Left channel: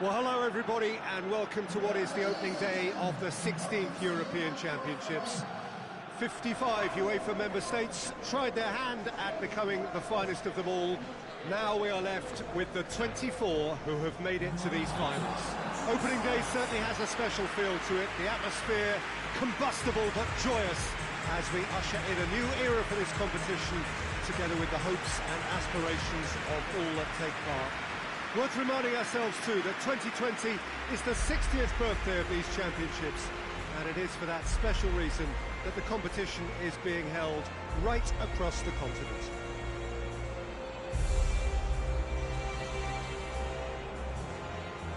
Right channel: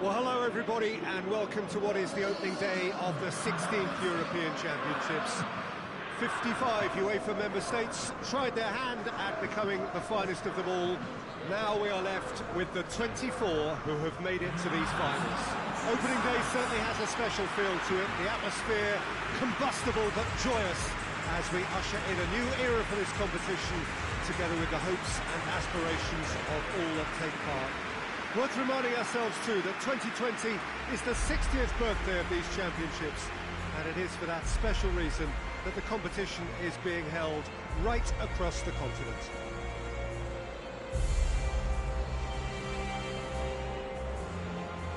Well, hello everybody, and welcome to what is the opening day of the 16th European Championships. 55 UEFA member states tried their hand at becoming the finest of them all. Now we are left with the 24 who have made it to these finals. Opening day certainly has a special feel to it. The atmosphere combustible but joyous as we usher in a new era for this competition, together with the hopes and aspirations of all that take part. Worth reminding ourselves too that 2020 is the 60th birthday of these championships, and it is for that special reason that the competition is being held right across the continent.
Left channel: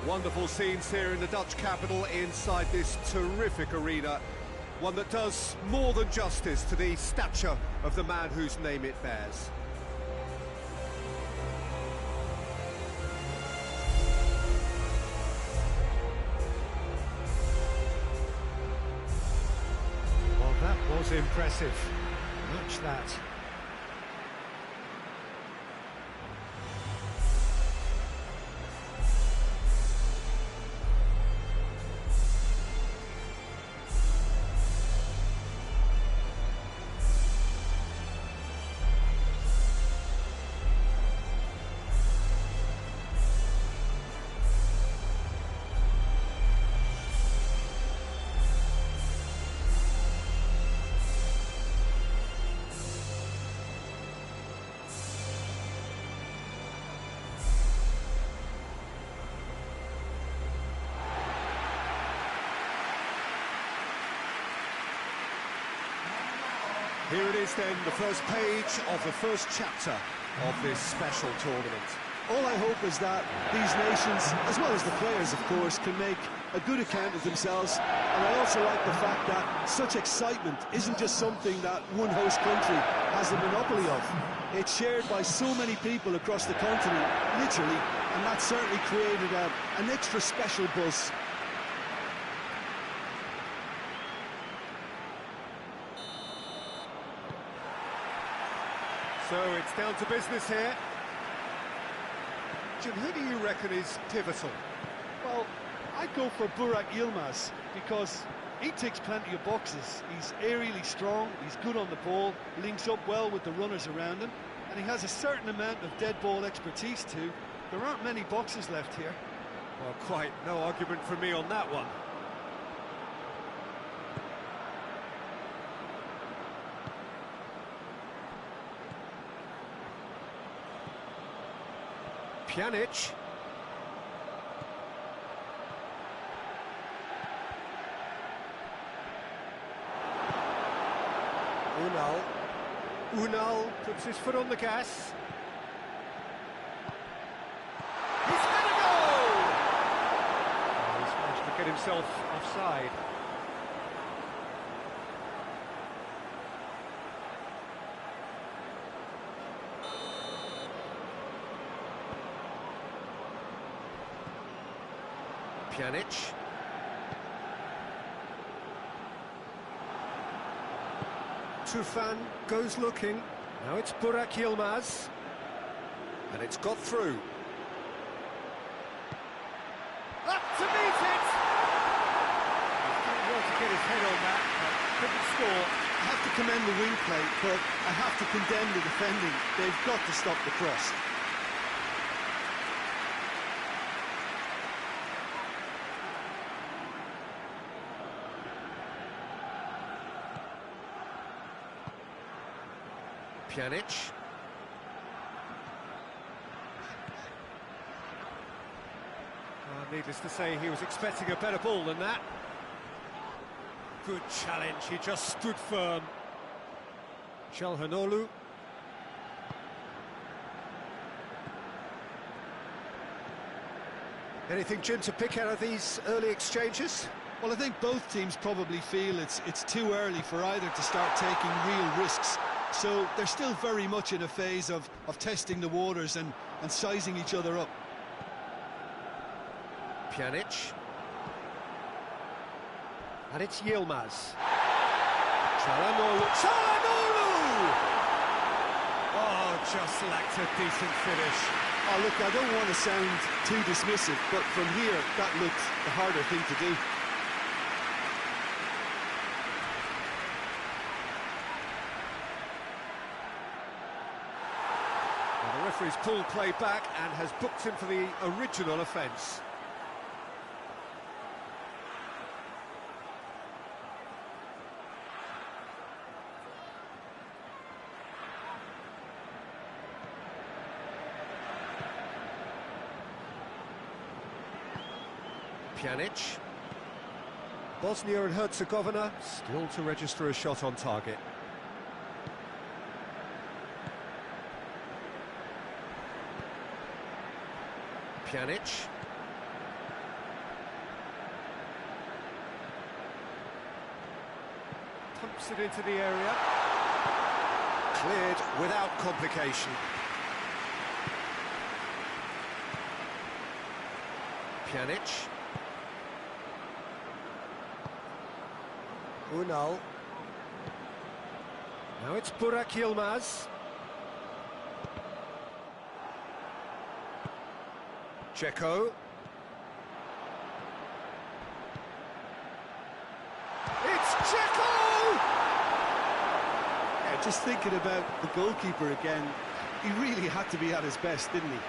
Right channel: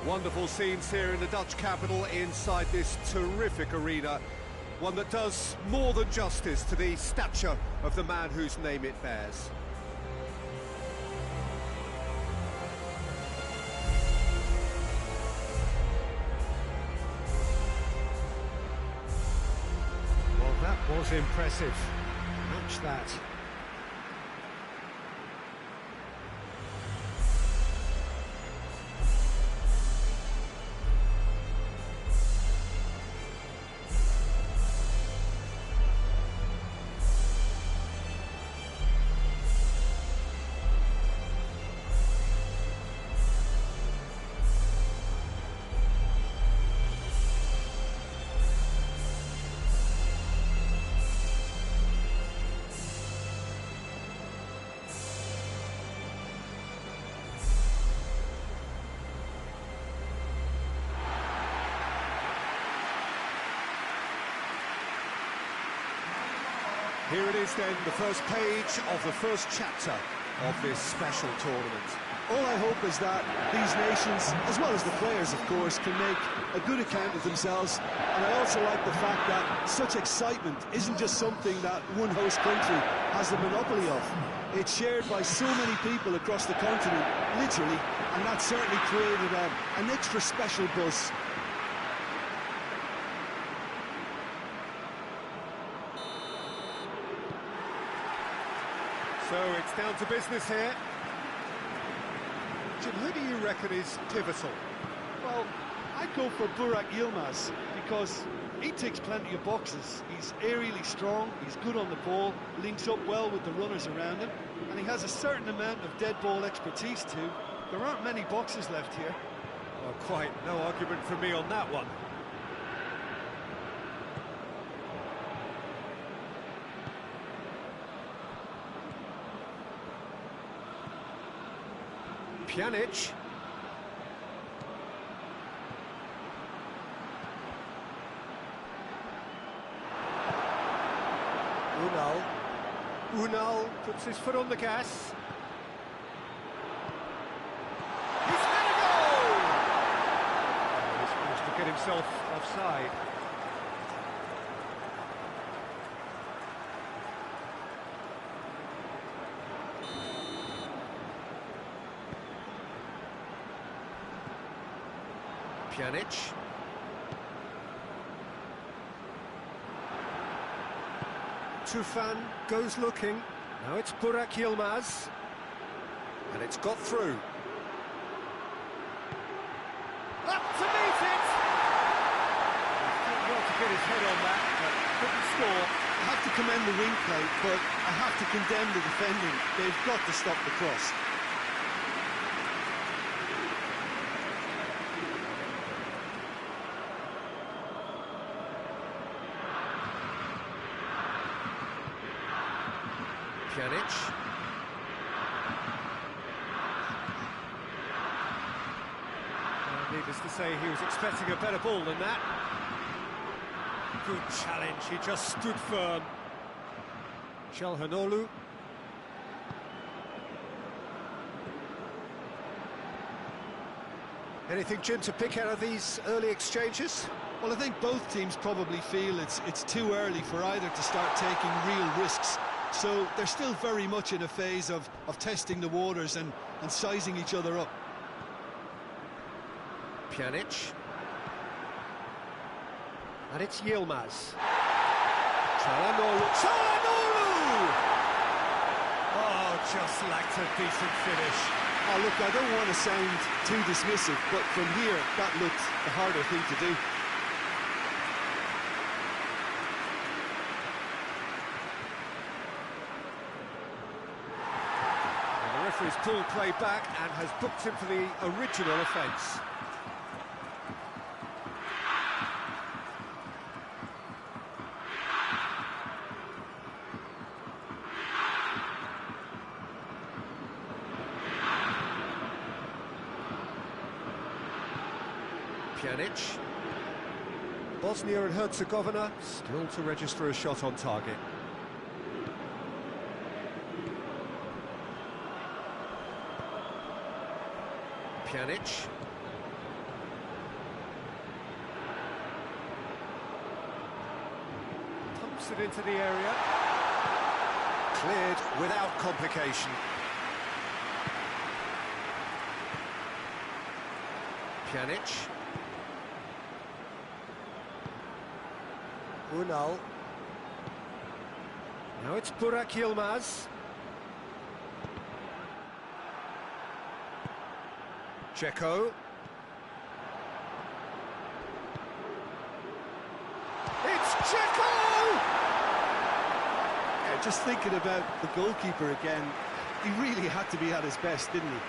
Wonderful scenes here in the Dutch capital inside this terrific arena, one that does more than justice to the stature of the man whose name it bears. Well, that was impressive. Match that. Here it is then, the first page of the first chapter of this special tournament. All I hope is that these nations, as well as the players of course, can make a good account of themselves. And I also like the fact that such excitement isn't just something that one host country has the monopoly of. It's shared by so many people across the continent, literally, and that certainly created an extra special buzz. So it's down to business here. Jim, who do you reckon is pivotal? Well, I'd go for Burak Yilmaz because he ticks plenty of boxes. He's aerially strong, he's good on the ball, links up well with the runners around him, and he has a certain amount of dead ball expertise too. There aren't many boxes left here. Well, quite no argument from me on that one. Pjanic. Unal puts his foot on the gas. He's had a goal! Oh, he's managed to get himself offside. Pjanic. Tufan goes looking. Now it's Burak Yilmaz. And it's got through. Up to meet it! He's done well to get his head on that, but couldn't score. I have to commend the wing play, but I have to condemn the defending. They've got to stop the cross. Pjanic. Needless to say, he was expecting a better ball than that. Good challenge, he just stood firm. Çalhanoğlu. Anything, Jim, to pick out of these early exchanges? Well, I think both teams probably feel it's too early for either to start taking real risks. So they're still very much in a phase of testing the waters and sizing each other up. Pjanic. And it's Yilmaz. Çalhanoğlu. Çalhanoğlu! Oh, just lacked a decent finish. Oh, look, I don't want to sound too dismissive, but from here, that looked the harder thing to do. Well, the referee's pulled play back and has booked him for the original offence. Pjanic. Bosnia and Herzegovina still to register a shot on target. Pjanic. Pumps it into the area. Cleared without complication. Pjanic. Unal. Now it's Burak Yilmaz. Dzeko. It's Dzeko! Yeah, just thinking about the goalkeeper again, he really had to be at his best, didn't he?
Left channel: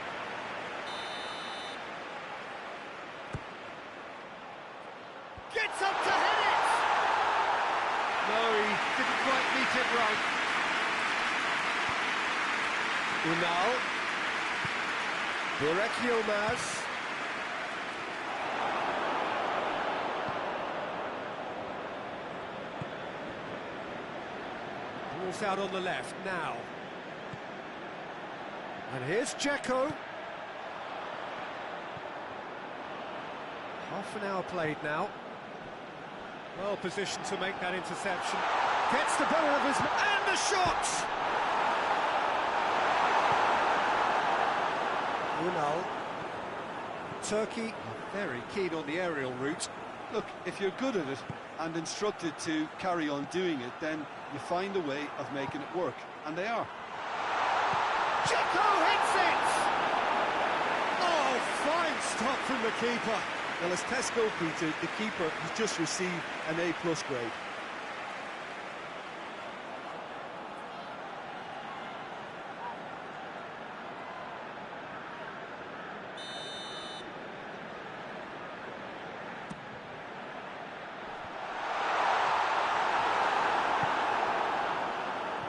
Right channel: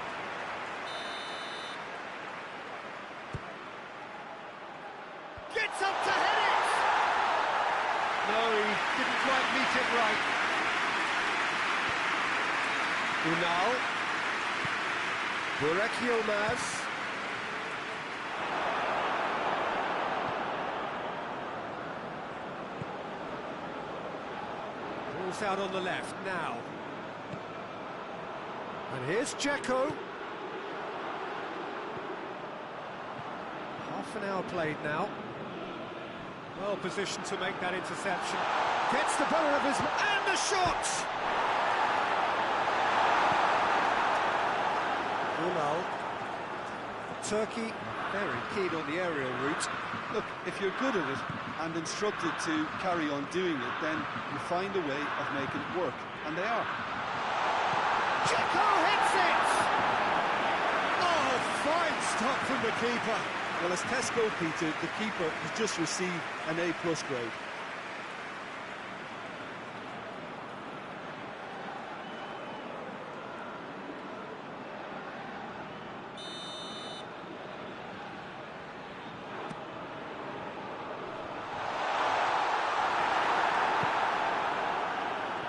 Gets up to head it! No, he didn't quite meet it right. Unal. Burak Yilmaz. Ball's out on the left now. And here's Dzeko. Half an hour played now. Well positioned to make that interception. Gets the better of his... and the shot! Unal. Turkey very keen on the aerial route. Look, if you're good at it and instructed to carry on doing it, then you find a way of making it work, and they are. Dzeko hits it! Oh, fine stop from the keeper. Well, as tests go, Peter, the keeper has just received an A+ grade.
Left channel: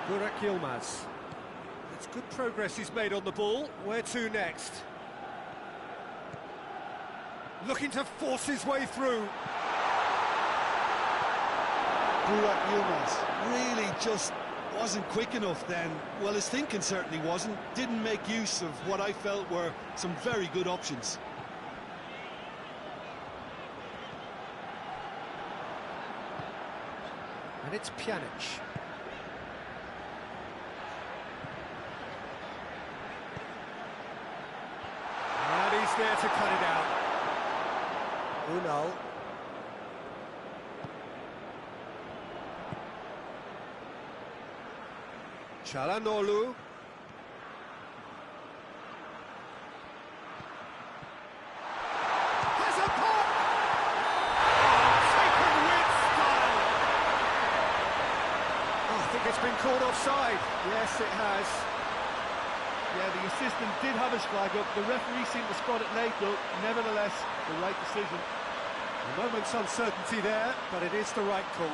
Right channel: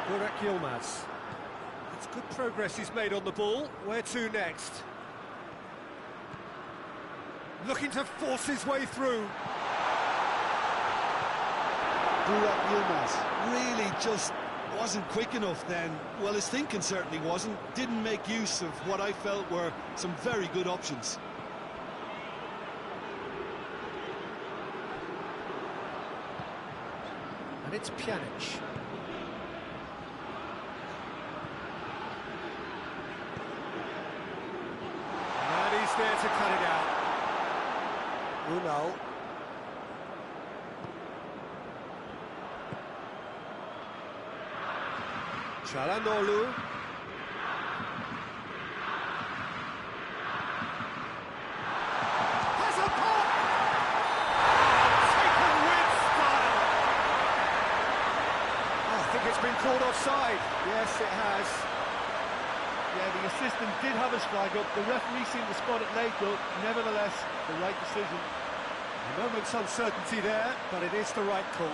Burak Yilmaz. That's good progress he's made on the ball. Where to next? Looking to force his way through. Burak Yilmaz really just wasn't quick enough then. Well, his thinking certainly wasn't. Didn't make use of what I felt were some very good options. And it's Pjanic. And he's there to cut it out. Unal. Çalhanoğlu. Has a pop! Oh, taken with style! Oh, I think it's been called offside. Yes, it has. Yeah, the assistant did have his flag up. The referee seemed to spot it late, though. Nevertheless, the right decision. A moment's uncertainty there, but it is the right call.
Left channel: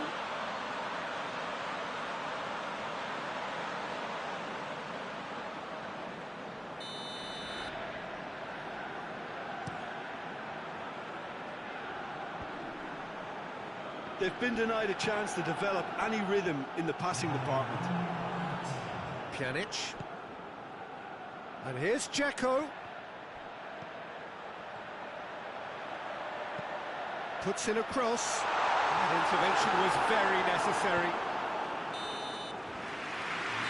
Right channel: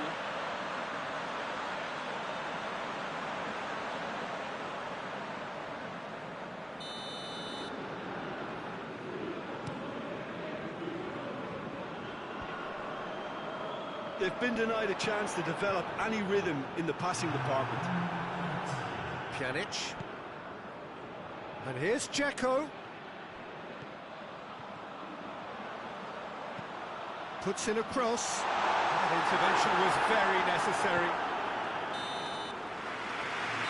They've been denied a chance to develop any rhythm in the passing department. Pjanic. And here's Dzeko. Puts in a cross. That intervention was very necessary.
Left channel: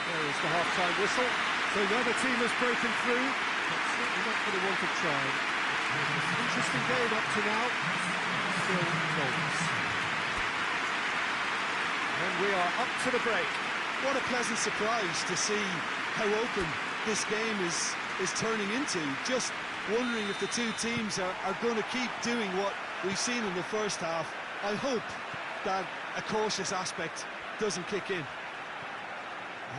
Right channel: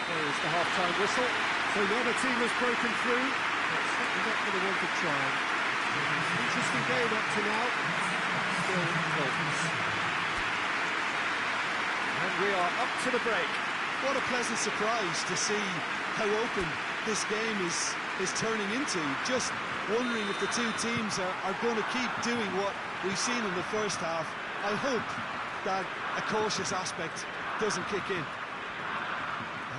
There is the half-time whistle. So the other team has broken through, but certainly not for the want of trying. It's been an interesting game up to now, but still goals. And we are up to the break. What a pleasant surprise to see how open this game is is turning into. Just wondering if the two teams are going to keep doing what we've seen in the first half. I hope that a cautious aspect doesn't kick in.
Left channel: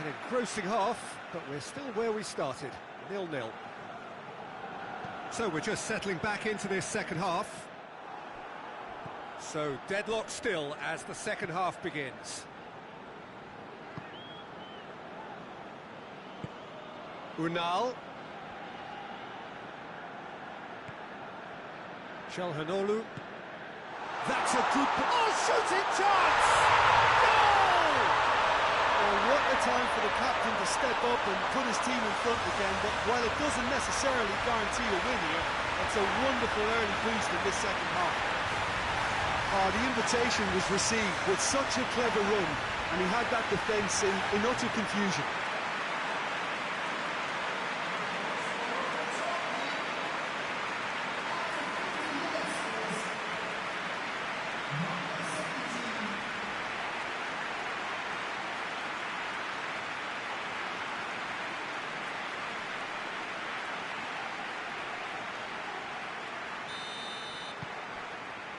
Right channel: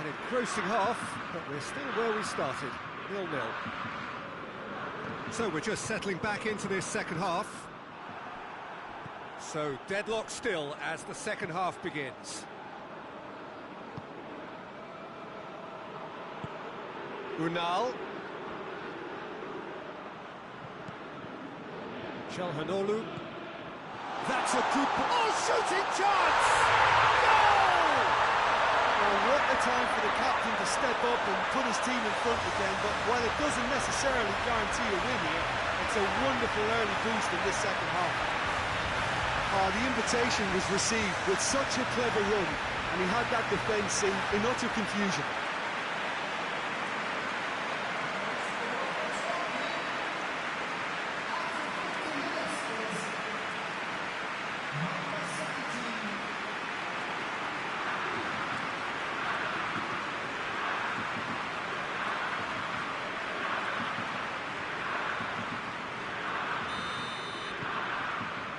An engrossing half, but we're still where we started, 0-0. So we're just settling back into this second half. So deadlock still as the second half begins. Unal. Çalhanoğlu. That's a good... Oh, shooting chance! Goal! Well, what a time for the captain to step up and put his team in front again, but while it doesn't necessarily guarantee a win here, it's a wonderful early boost in this second half. The invitation was received with such a clever run, and he had that defence in utter confusion.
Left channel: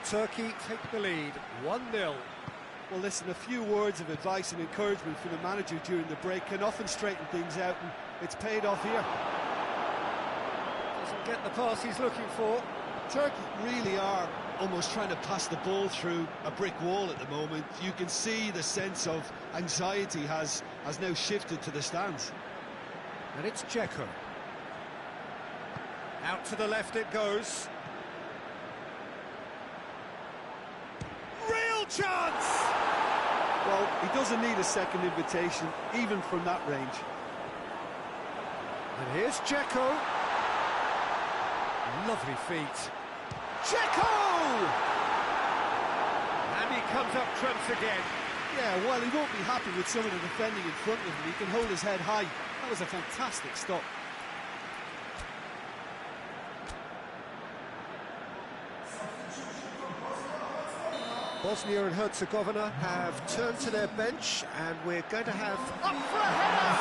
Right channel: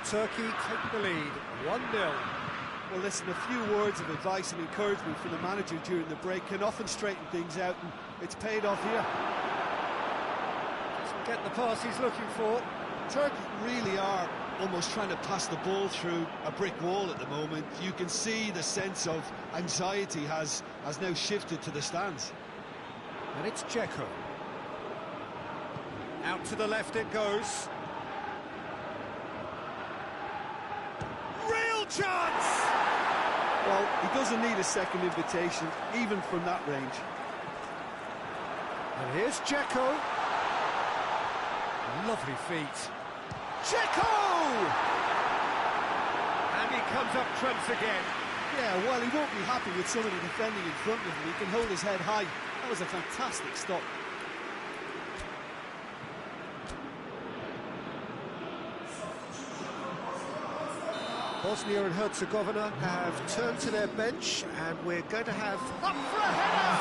Turkey take the lead, 1-0. Well, listen, a few words of advice and encouragement from the manager during the break can often straighten things out, and it's paid off here. Doesn't get the pass he's looking for. Turkey really are almost trying to pass the ball through a brick wall at the moment. You can see the sense of anxiety has now shifted to the stands. And it's Dzeko. Out to the left it goes. Real chance! Well, he doesn't need a second invitation, even from that range. And here's Dzeko. Lovely feet. Dzeko! And he comes up trumps again. Yeah, well, he won't be happy with some of the defending in front of him. He can hold his head high. That was a fantastic stop. Bosnia and Herzegovina have turned to their bench, and we're going to have up for a header!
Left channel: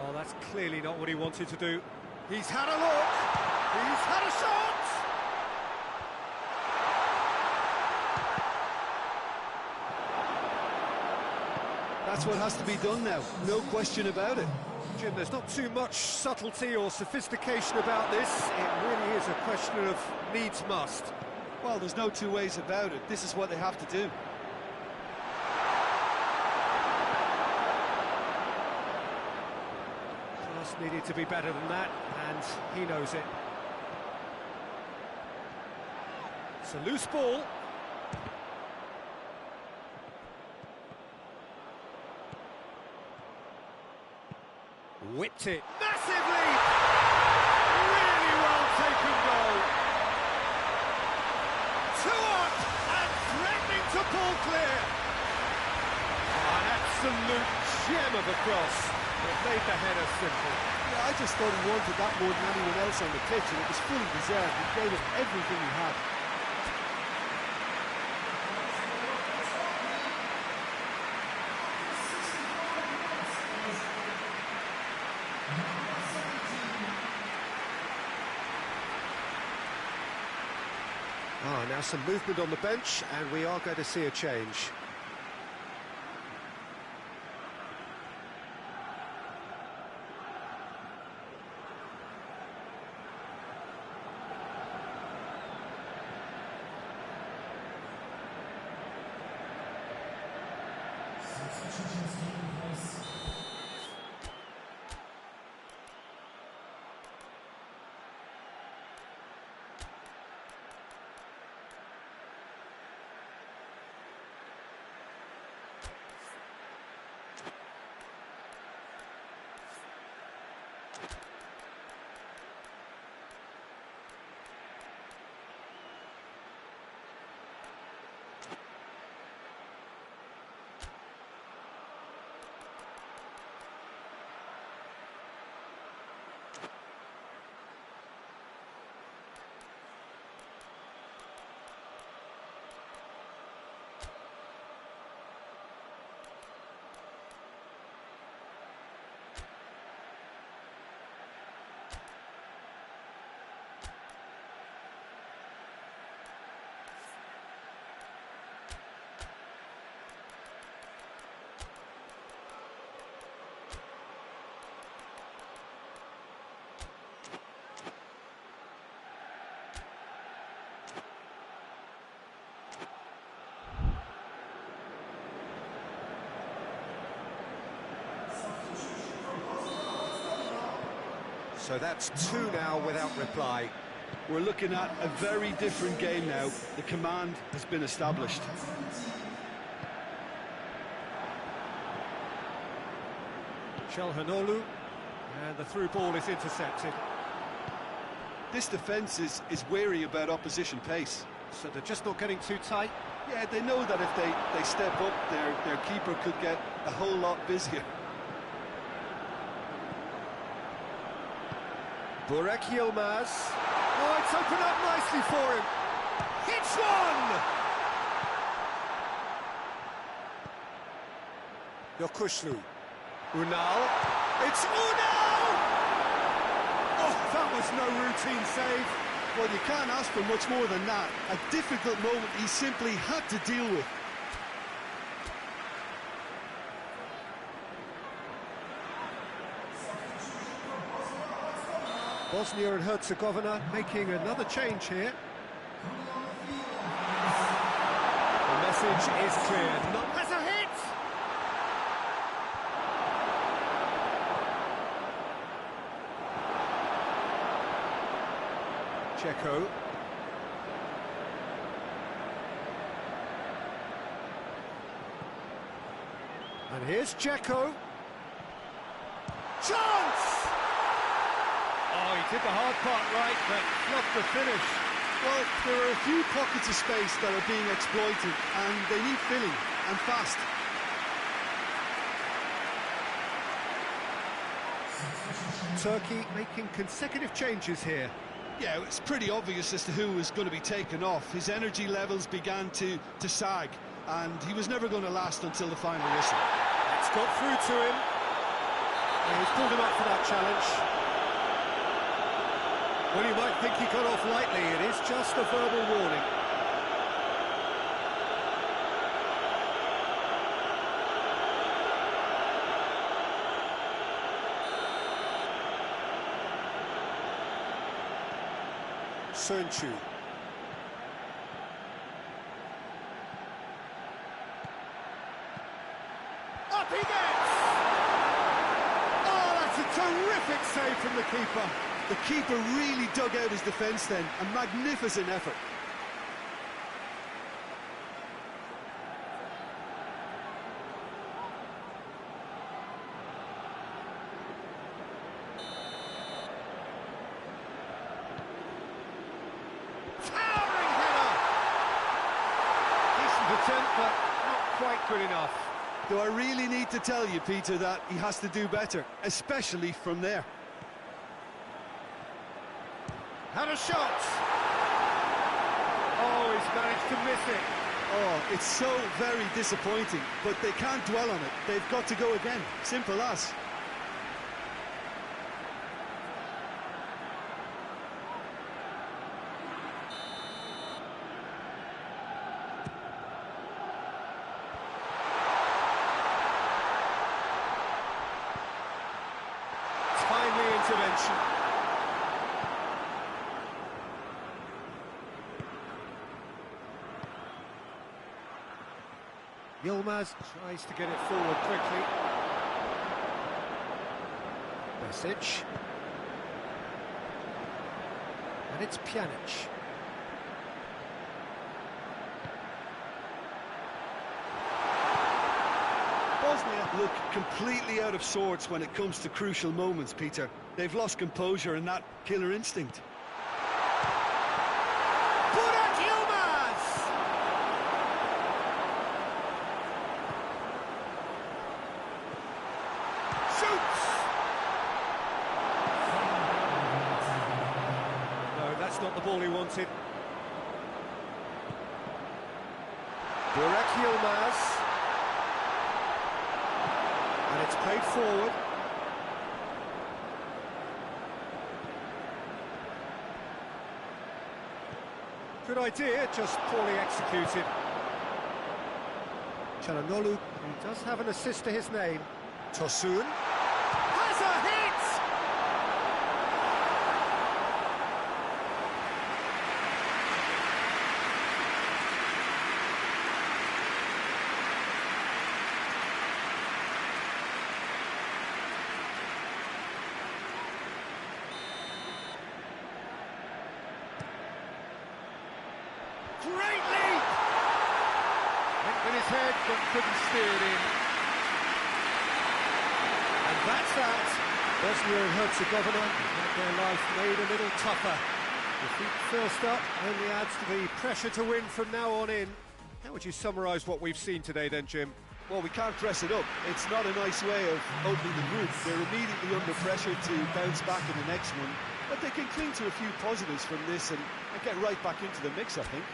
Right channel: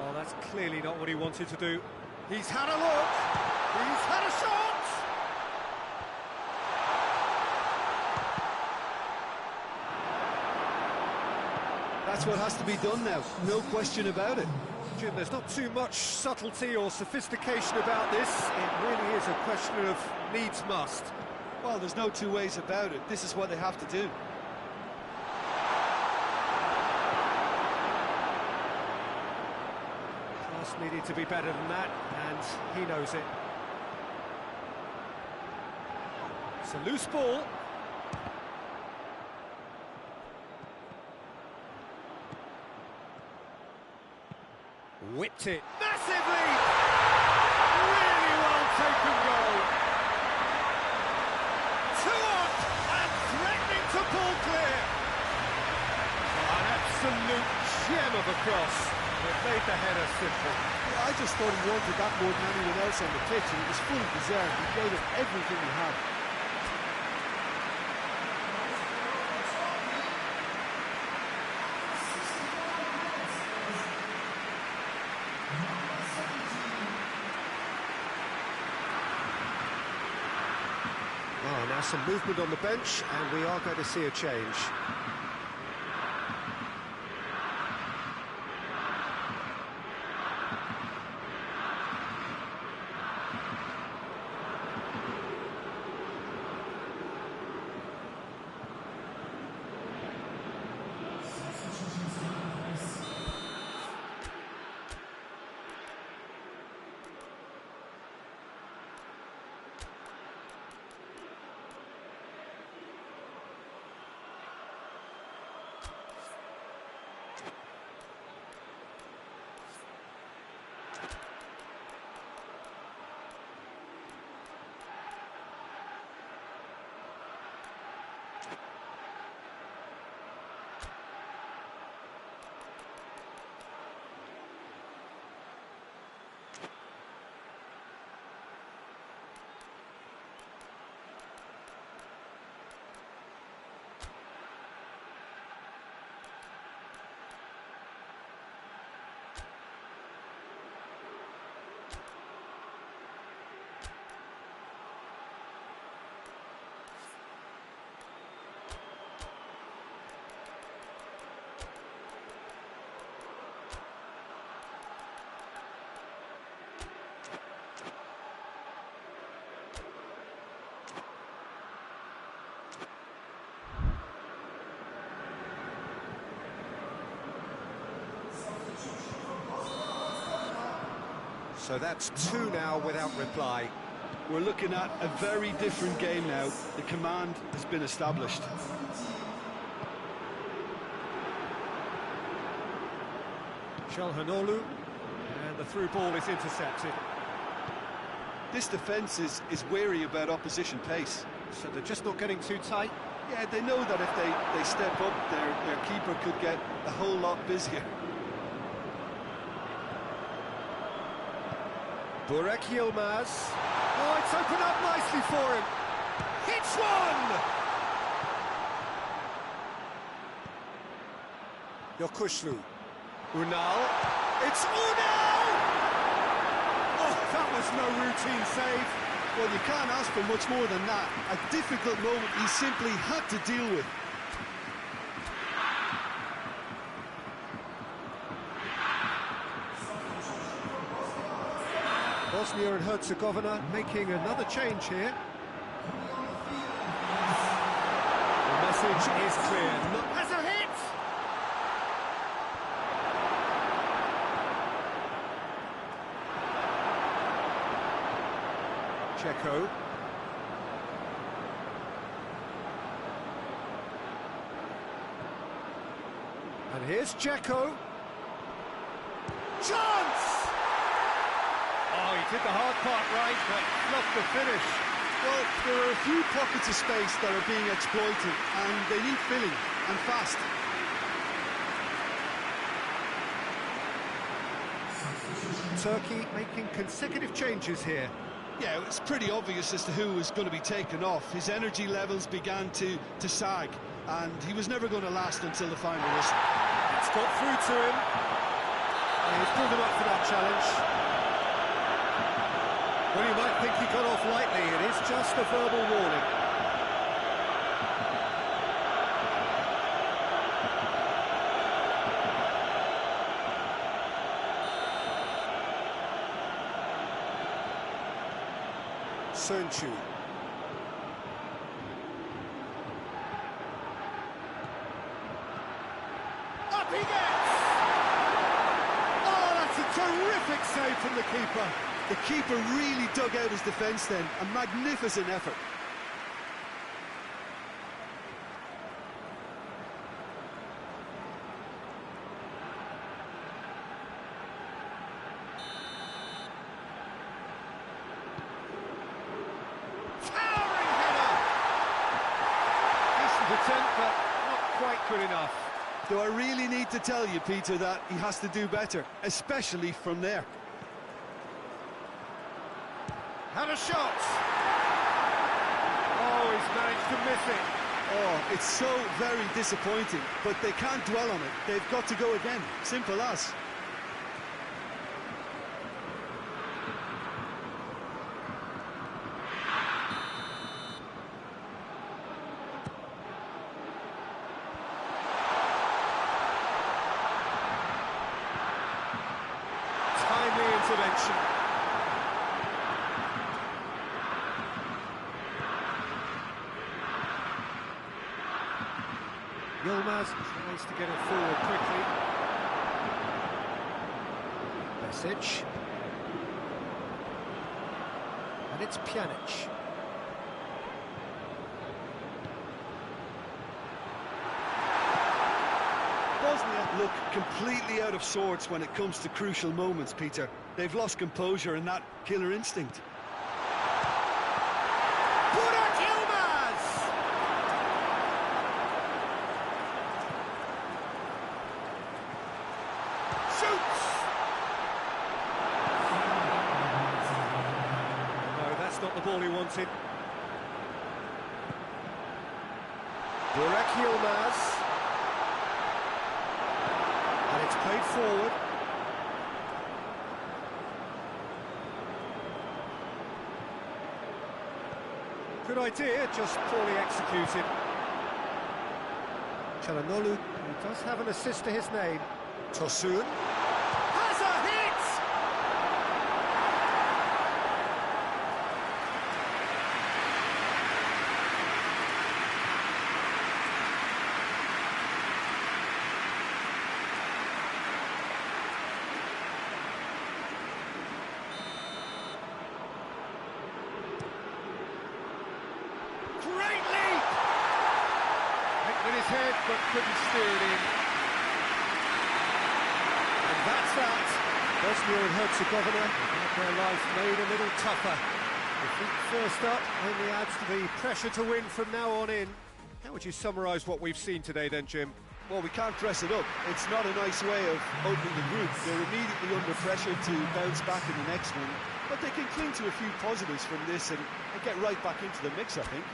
Oh, that's clearly not what he wanted to do. He's had a look, he's had a shot! That's what has to be done now, no question about it. Jim, there's not too much subtlety or sophistication about this. It really is a question of needs must. Well, there's no two ways about it. This is what they have to do. Pass needed to be better than that, and he knows it. It's a loose ball. Whipped it. Massive lead! Really well taken goal. Two up and threatening to pull clear. Oh, an absolute gem of a cross. It made the header simple. Yeah, I just thought he wanted that more than anyone else on the pitch, and it was fully deserved. He gave it everything he had. Ah, now some movement on the bench, and we are going to see a change. So that's two now without reply. We're looking at a very different game now. The command has been established. Çalhanoğlu, and the through ball is intercepted. This defence is wary about opposition pace. So they're just not getting too tight. Yeah, they know that if they step up, their keeper could get a whole lot busier. Burak Yilmaz. Oh, it's opened up nicely for him. Hits one! Yokuşlu. Unal. It's Unal! Oh, that was no routine save. Well, you can't ask for much more than that. A difficult moment he simply had to deal with. Bosnia and Herzegovina making another change here. The message is clear. Has a hit! Checo. And here's Checo. Chance! Oh, he did the hard part right, but fluffed the finish. Well, there are a few pockets of space that are being exploited, and they need filling, and fast. Turkey making consecutive changes here. Yeah, it's pretty obvious as to who was going to be taken off. His energy levels began to sag, and he was never going to last until the final whistle. It's got through to him. And he's pulled him up for that challenge. Well, you might think he got off lightly. It is just a verbal warning. Sönchu. Up he gets! Oh, that's a terrific save from the keeper. The keeper really dug out his defence then. A magnificent effort. Towering header! Decent attempt, but not quite good enough. Do I really need to tell you, Peter, that he has to do better, especially from there? Had a shot! Oh, he's managed to miss it. Oh, it's so very disappointing, but they can't dwell on it. They've got to go again. Simple as. Timely intervention. Yilmaz tries to get it forward quickly. Besic. And it's Pjanic. Bosnia look completely out of sorts when it comes to crucial moments, Peter. They've lost composure and that killer instinct. Burak Yilmaz! Shoots! No, that's not the ball he wanted. Burak Yilmaz. And it's played forward. Good idea, just poorly executed. Çalhanoğlu, who does have an assist to his name. Tosun has a hit! great leap! Went with his head, but couldn't steer it in. And that's that. Bosnia and Herzegovina have had their life made a little tougher. Defeat first up only adds to the pressure to win from now on in. How would you summarise what we've seen today then, Jim? Well, we can't dress it up. It's not a nice way of opening the group. They're immediately under pressure to bounce back in the next one, but they can cling to a few positives from this and get right back into the mix, I think.